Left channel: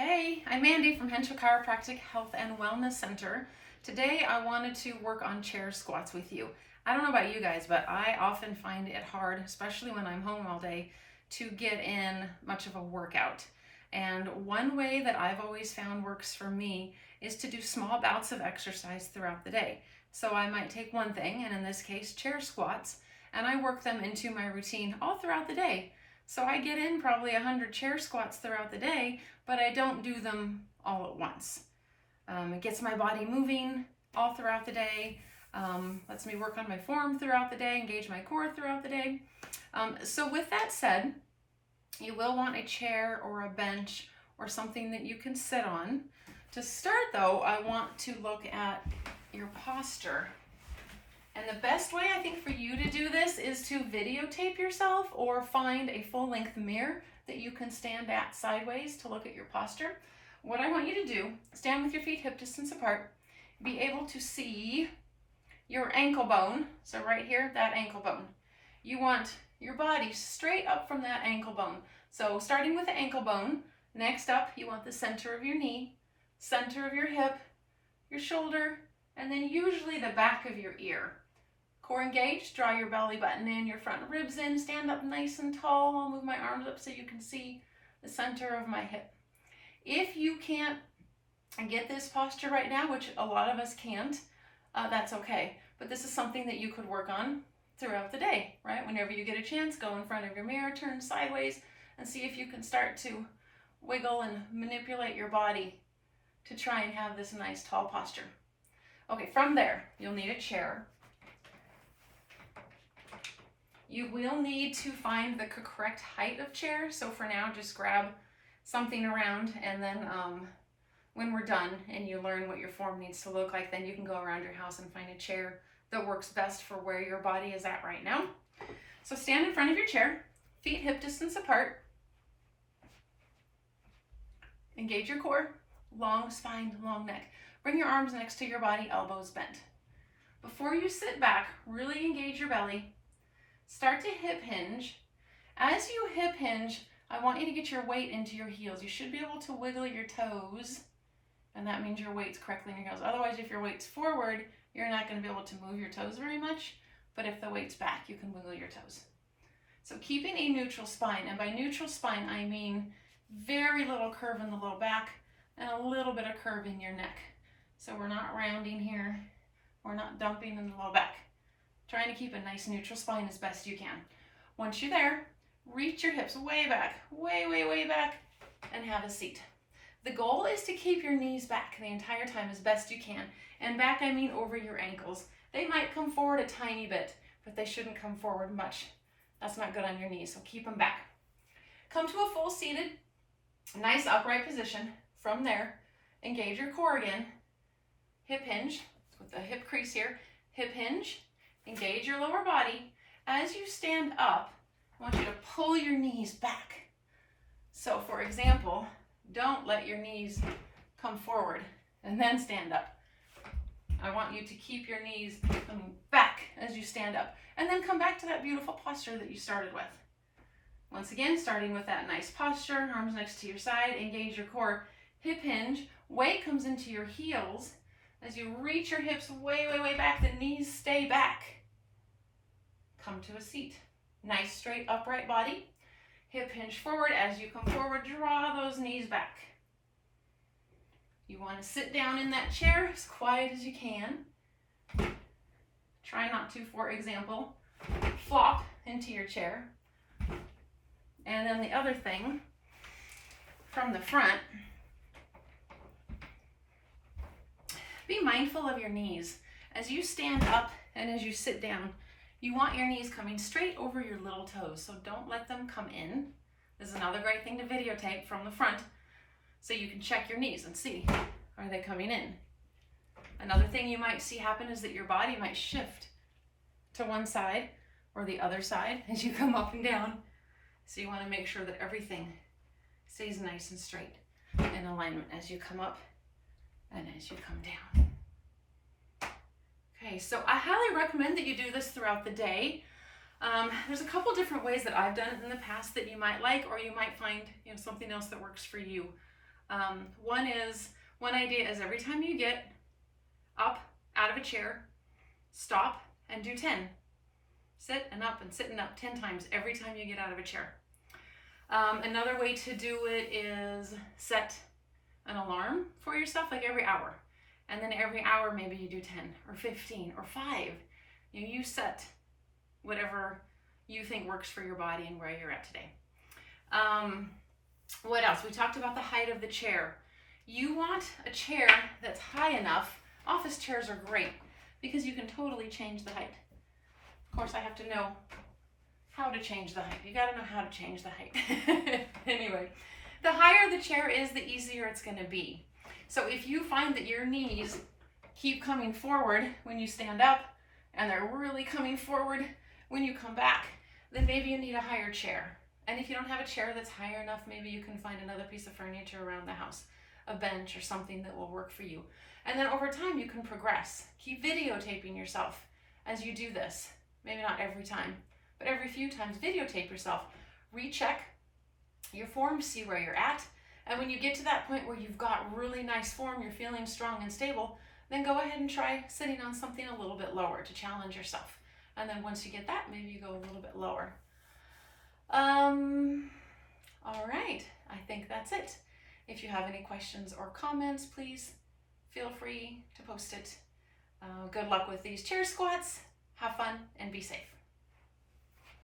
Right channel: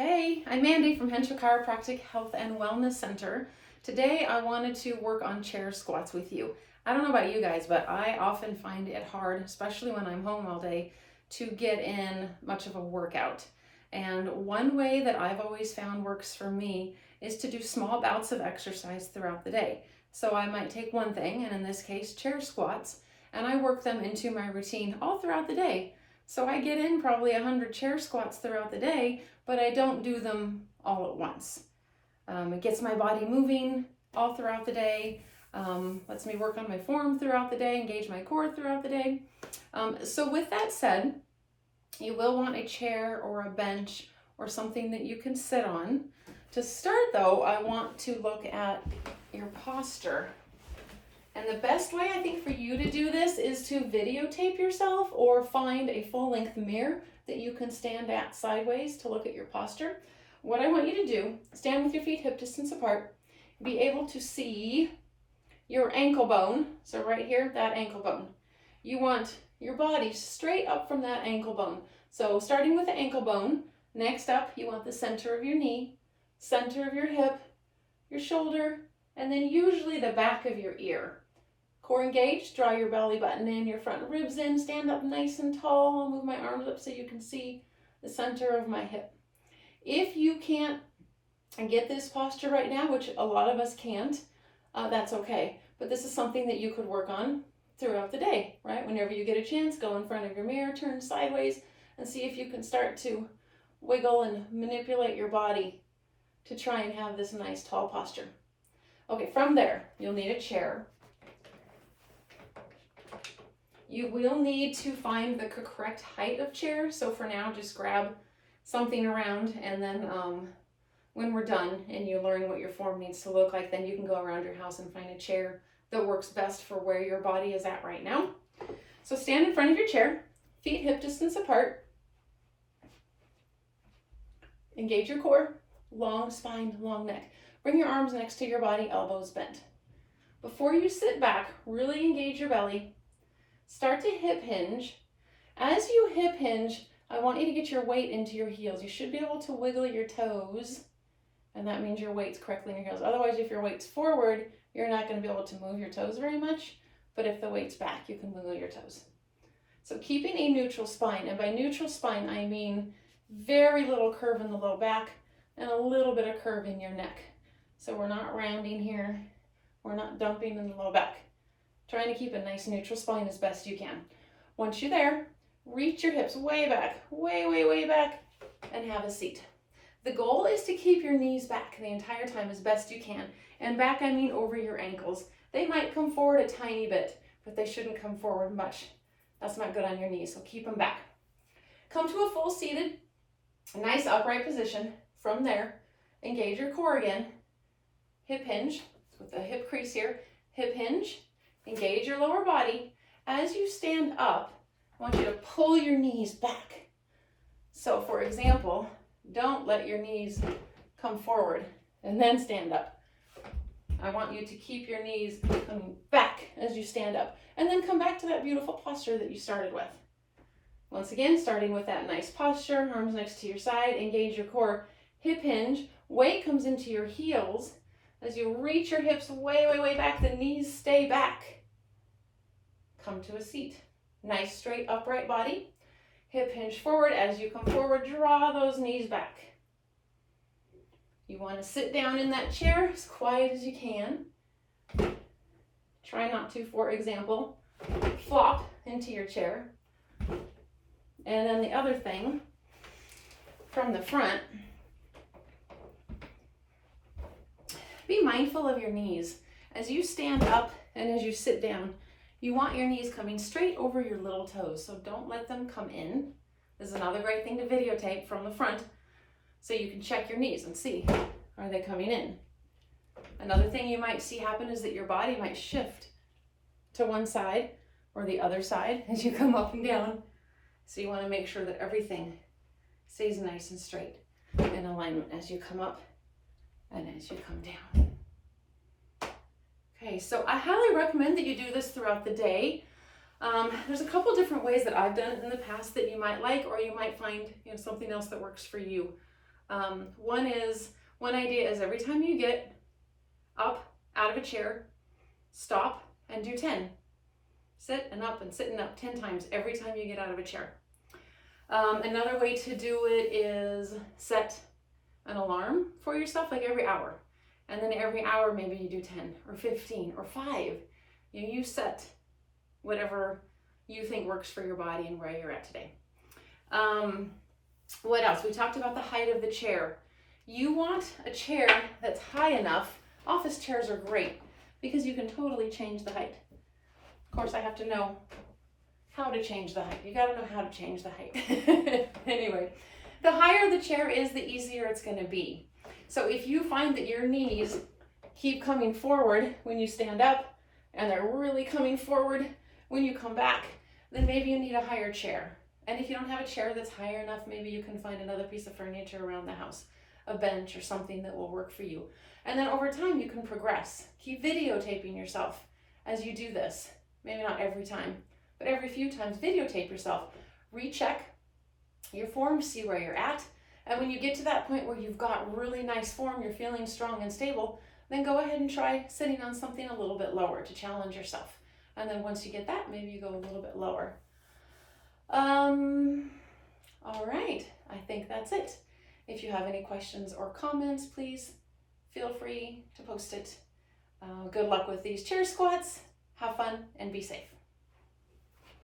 Hey, I'm Mandy from Henshaw Chiropractic Health and Wellness Center. Today I wanted to work on chair squats with you. I don't know about you guys, but I often find it hard, especially when I'm home all day, to get in much of a workout. And one way that I've always found works for me is to do small bouts of exercise throughout the day. So I might take one thing, and in this case, chair squats, and I work them into my routine all throughout the day. So I get in probably 100 chair squats throughout the day, but I don't do them all at once. It gets my body moving all throughout the day, lets me work on my form throughout the day, engage my core throughout the day. So with that said, you will want a chair or a bench or something that you can sit on. To start though, I want to look at your posture. And the best way I think for you to do this is to videotape yourself or find a full-length mirror that you can stand at sideways to look at your posture. What I want you to do, stand with your feet hip distance apart, be able to see your ankle bone. So right here, that ankle bone. You want your body straight up from that ankle bone. So starting with the ankle bone, next up, you want the center of your knee, center of your hip, your shoulder, and then usually the back of your ear. Core engaged, draw your belly button in, your front ribs in, stand up nice and tall. I'll move my arms up so you can see the center of my hip. If you can't get this posture right now, which a lot of us can't, that's okay. But this is something that you could work on throughout the day, right? Whenever you get a chance, go in front of your mirror, turn sideways, and see if you can start to wiggle and manipulate your body to try and have this nice tall posture. Okay, from there, you'll need a chair. You will need to find the correct height of chair. So for now, just grab something around, and then when we're done and you learn what your form needs to look like, then you can go around your house and find a chair that works best for where your body is at right now. So stand in front of your chair, feet hip distance apart. Engage your core, long spine, long neck. Bring your arms next to your body, elbows bent. Before you sit back, really engage your belly. Start to hip hinge. As you hip hinge, I want you to get your weight into your heels. You should be able to wiggle your toes, and that means your weight's correctly in your heels. Otherwise, if your weight's forward, you're not going to be able to move your toes very much, but if the weight's back, you can wiggle your toes. So keeping a neutral spine, and by neutral spine, I mean very little curve in the low back and a little bit of curve in your neck. So we're not rounding here, we're not dumping in the low back. Trying to keep a nice neutral spine as best you can. Once you're there, reach your hips way back, way back, and have a seat. The goal is to keep your knees back the entire time as best you can. And back, I mean over your ankles. They might come forward a tiny bit, but they shouldn't come forward much. That's not good on your knees, so keep them back. Come to a full seated, nice upright position. From there, engage your core again. Hip hinge, with the hip crease here. Hip hinge. Engage your lower body. As you stand up, I want you to pull your knees back. So for example, don't let your knees come forward and then stand up. I want you to keep your knees coming back as you stand up, and then come back to that beautiful posture that you started with. Once again, starting with that nice posture, arms next to your side, engage your core, hip hinge, weight comes into your heels. As you reach your hips way back, the knees stay back. Come to a seat. Nice straight upright body. Hip hinge forward. As you come forward, draw those knees back. You want to sit down in that chair as quiet as you can. Try not to, for example, flop into your chair. And then the other thing, from the front, be mindful of your knees. As you stand up and as you sit down, you want your knees coming straight over your little toes, so don't let them come in. This is another great thing to videotape from the front, so you can check your knees and see, are they coming in? Another thing you might see happen is that your body might shift to one side or the other side as you come up and down. So you want to make sure that everything stays nice and straight in alignment as you come up and as you come down. Okay, so I highly recommend that you do this throughout the day. There's a couple different ways that I've done it in the past that you might like, or you might find something else that works for you. One idea is every time you get up out of a chair, stop and do 10. Sit and up and sit and up 10 times every time you get out of a chair. Another way to do it is set an alarm for yourself, like every hour. And then every hour, maybe you do 10 or 15 or 5. You set whatever you think works for your body and where you're at today. What else? We talked about the height of the chair. You want a chair that's high enough. Office chairs are great because you can totally change the height. Of course, I have to know how to change the height. You got to know how to change the height. Anyway, the higher the chair is, the easier it's going to be. So if you find that your knees keep coming forward when you stand up and they're really coming forward when you come back, then maybe you need a higher chair. And if you don't have a chair that's higher enough, maybe you can find another piece of furniture around the house, a bench or something that will work for you. And then over time, you can progress. Keep videotaping yourself as you do this. Maybe not every time, but every few times, videotape yourself. Recheck your form, see where you're at. And when you get to that point where you've got really nice form, you're feeling strong and stable, then go ahead and try sitting on something a little bit lower to challenge yourself. And then once you get that, maybe you go a little bit lower. All right, I think that's it. If you have any questions or comments, please feel free to post it. Good luck with these chair squats. Have fun and be safe.